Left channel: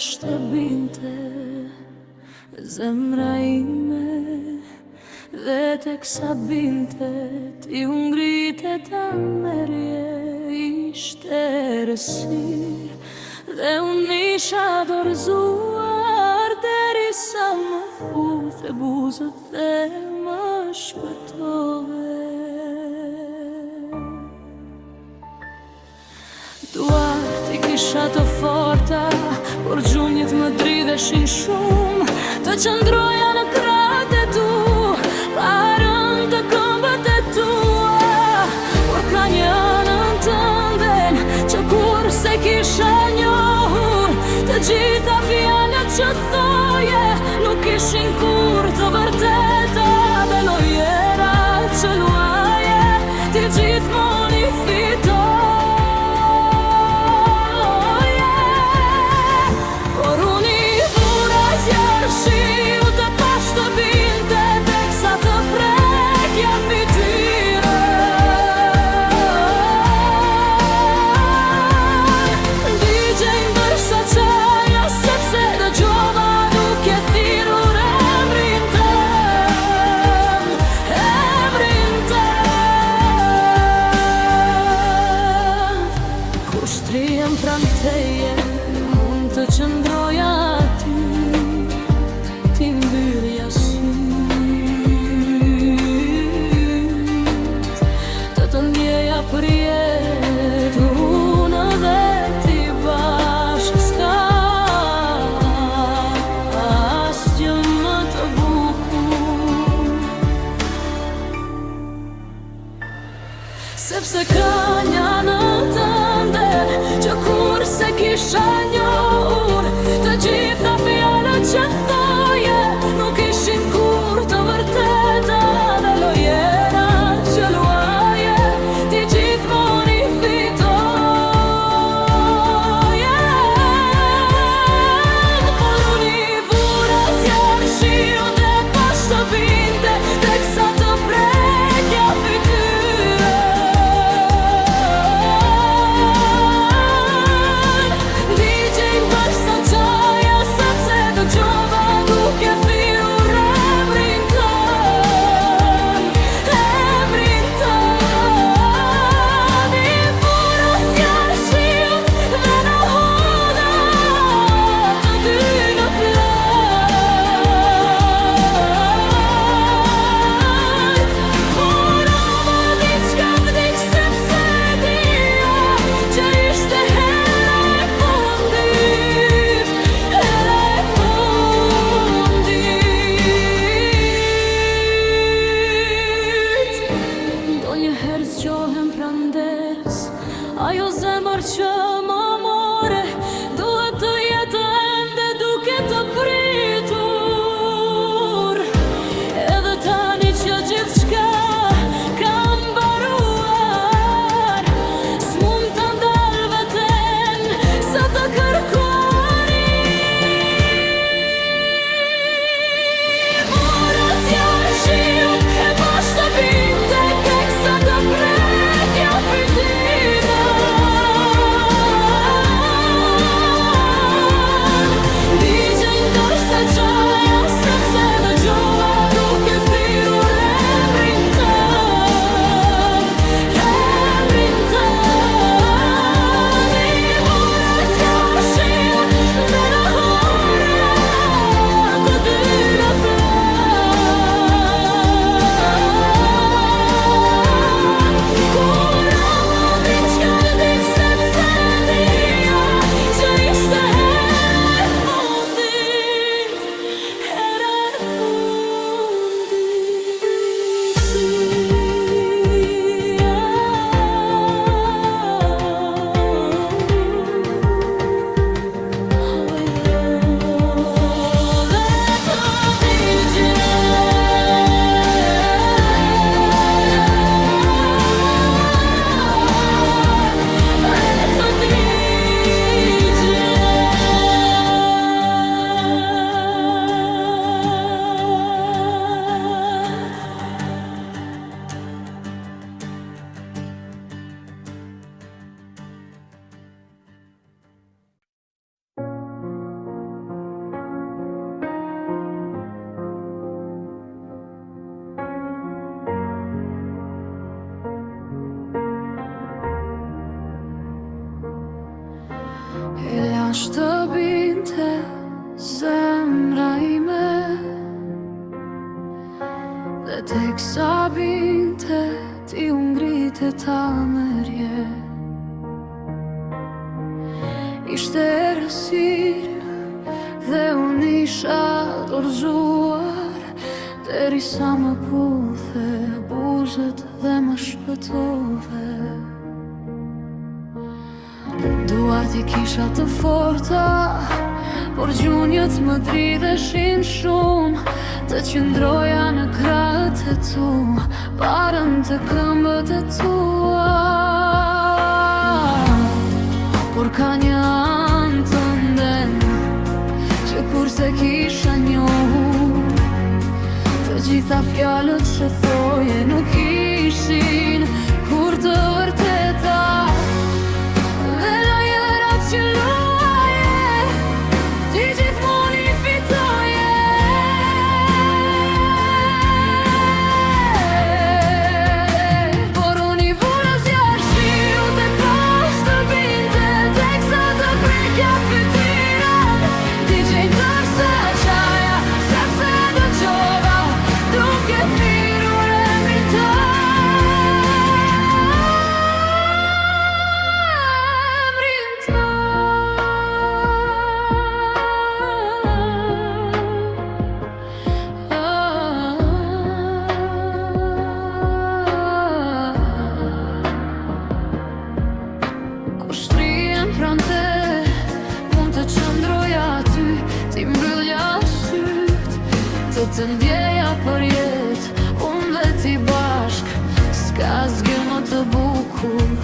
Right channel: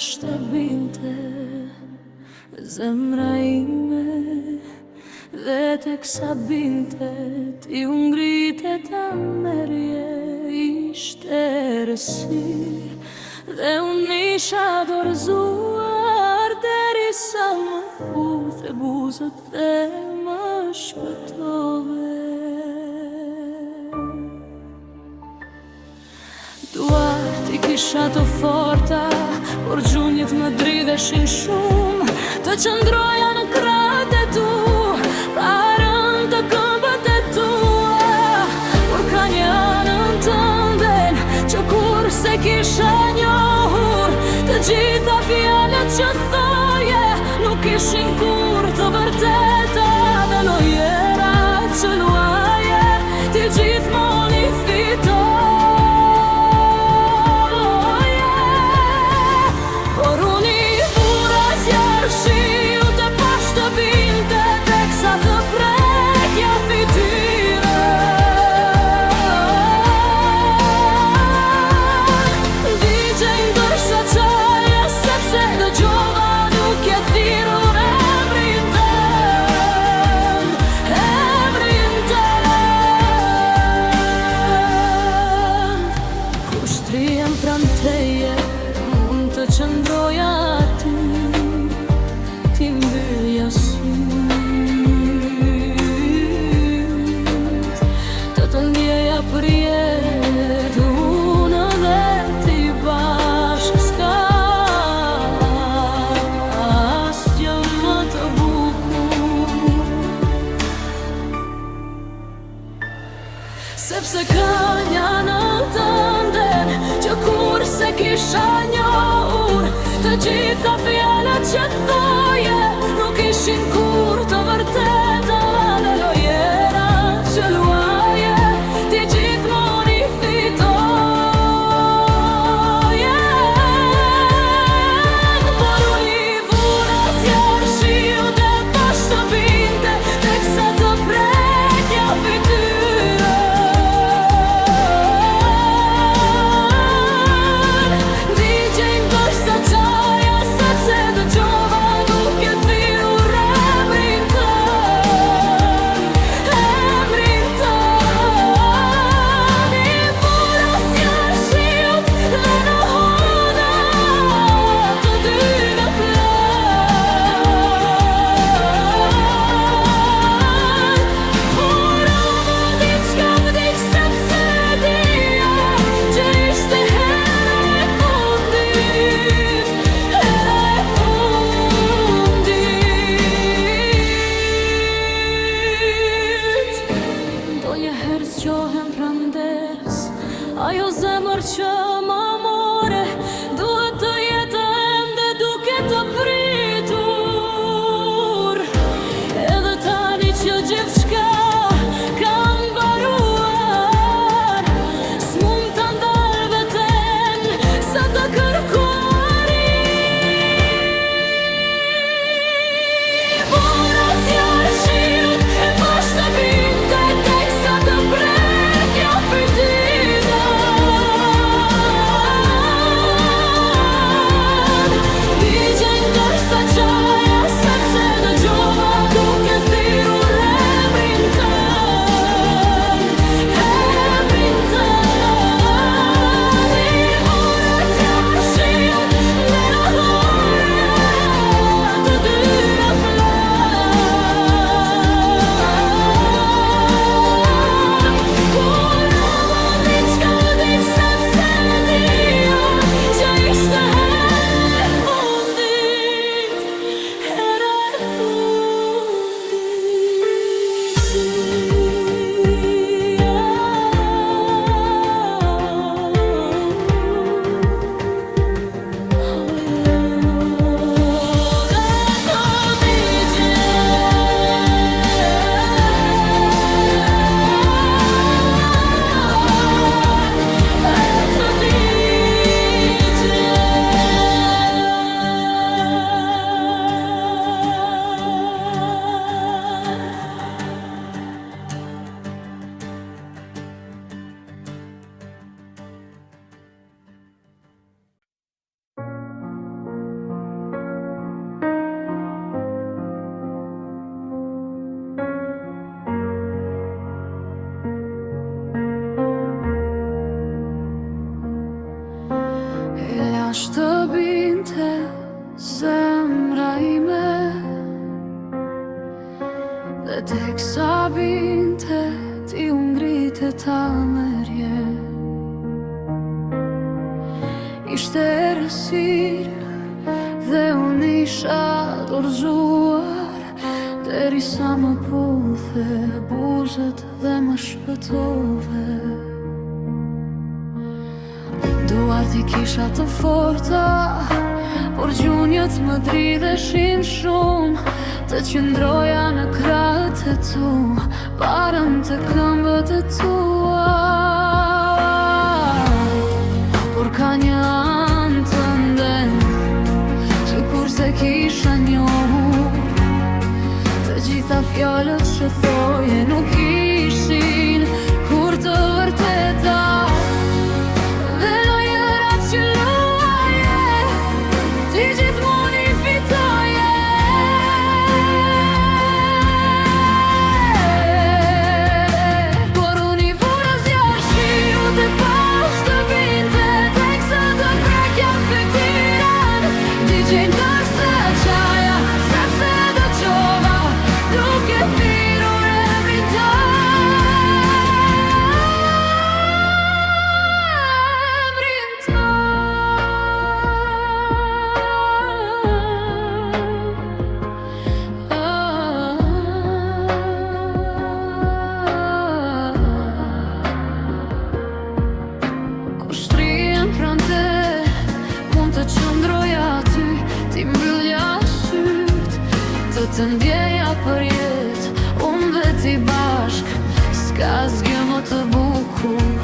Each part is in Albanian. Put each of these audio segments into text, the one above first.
bashkë të binte zemra ime, dhe teksa binte ti u ngritet amerje, ishte rësir dhe unë isha dorëzuar, derisa më uthe buzët dhe më shpëtove. Duart i kisha të forta, por gjunjët më dridheshin shumë, të qëndroja në kratë e tu, parën të këmbët e tua, por ka një anën tënden që kur se kisha njohur, të gjitha fjalët që thoje nuk ishin kur të vërteta, dhe lojerat që luaje ti gjithmonë i fitoje. Por unë i vura zjarë shiu të pashtë të binte, teksa të prekja fytyrën. Digjej ndërsa qaja, sepse dëgjova nuk e thirur emrin tënd, emrin tënd. Kur shtrihem pran teje, të qëndroja aty, ti mbyllja syt, të ndjeja për jetë, unë dhe ti bashkë, s'ka asgjë më të bukur, sepse ka një anën tënden që kur se kisha njohur, të gjitha fjalët që thoje nuk ishin kur të vërteta, dhe lojerat që luaje ti gjithmonë i fitoje. Por unë i vura zjarë shiu dhe bashkë të binte, teksa të prekja fytyrën. Ndonjëherë zgjohem pranderes, ajo zemër që më more, duhet të jetë ende duke të pritur, edhe tani që gjithçka ka mbaruar, s'mund ta ndal veten sa të kërkuari. Vura zjarë shiut e bashkë të binte, teksa të prekja fytyrën. zemra ime, dhe tek sa binte ti u ngrite ta mërje. Ishte errësirë dhe unë isha dorëzuar, derisa më puthe buzët dhe më shpëtove. Duart i kisha të forta, por gjunjët më dridheshin shumë. Të qëndroja në krahët e tu, parën të këmbët e tua. Por ka një anë të ndenë, që kurse kisha njohur, të gjitha fjalët që thoje nuk ishin kur të vërteta. Dhe lojërat që luaje, ti gjithmonë i fitoje. Por unë i vura zjarë shiu dhe pas të binte, teksa të prekja fytyran, digjej ndërsa qaja, sepse dëgjova duke thirrur emrin tënd. Kur shtrihem pranë te, mund të qëndroja aty, ti mbyllja syt, të ndjeja për jetë, unë dhe ti bashk, s'ka zgjë më të bukur,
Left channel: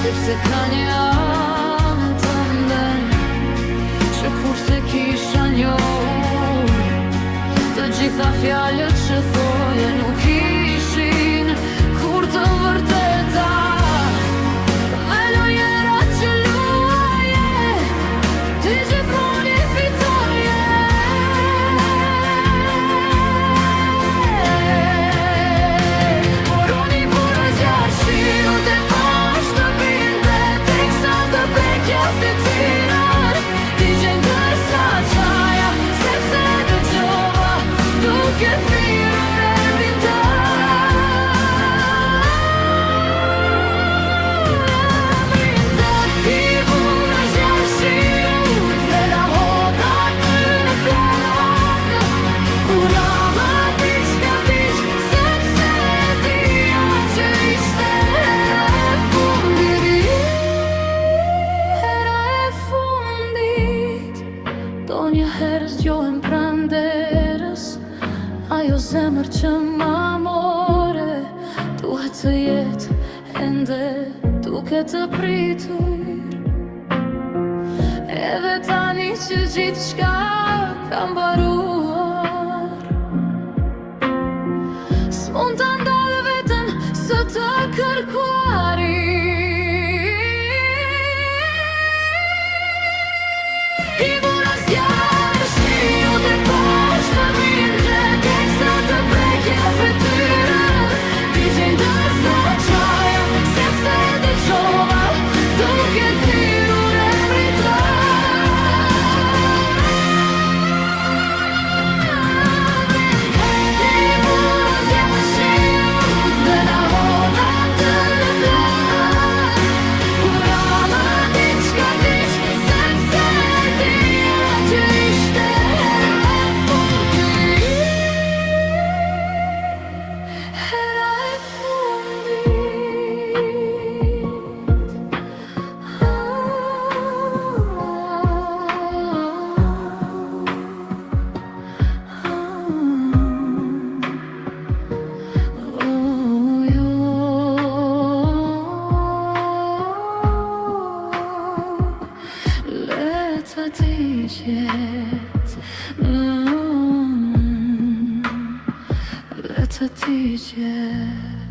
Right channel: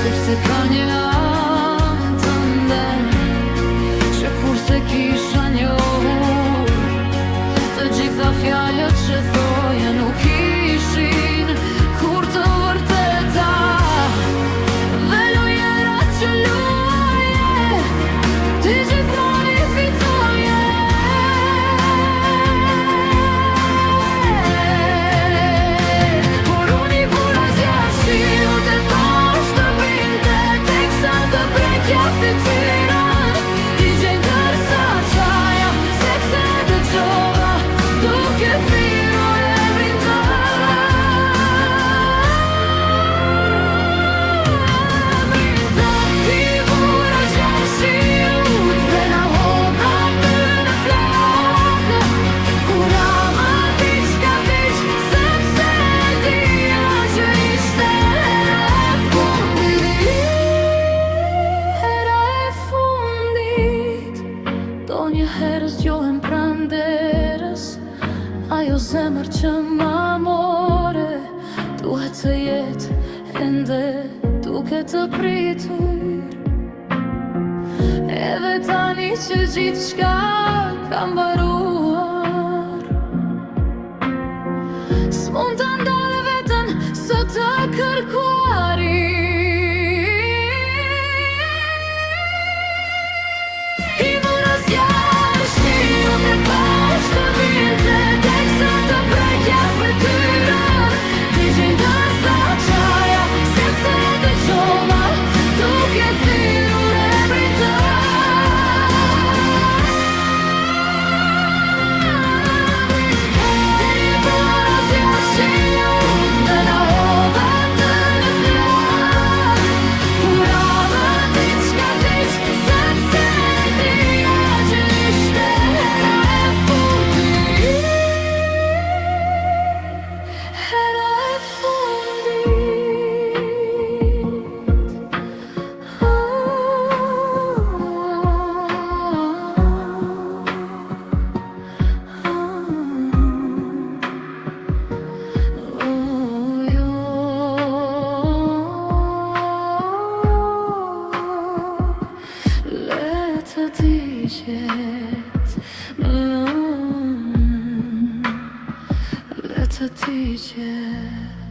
sepse ka një anë të ndenë, që kurse kisha njohur, të gjitha fjalët që thoje nuk ishin kur të vërteta. Dhe lojërat që luaje, ti gjithmonë i fitoje. Por unë i vura zjarë shiu dhe pas të binte, teksa të prekja fytyran, digjej ndërsa qaja, sepse dëgjova duke thirrur emrin tënd. Do një herë zgjohem pranë derës, ajo zemër që ma more, duhet të jetë ende duke të pritur. Edhe tani që gjithçka ka mbaruar, s'mund ta ndalë veten së të kërkuari. Të digjet, le të digjet.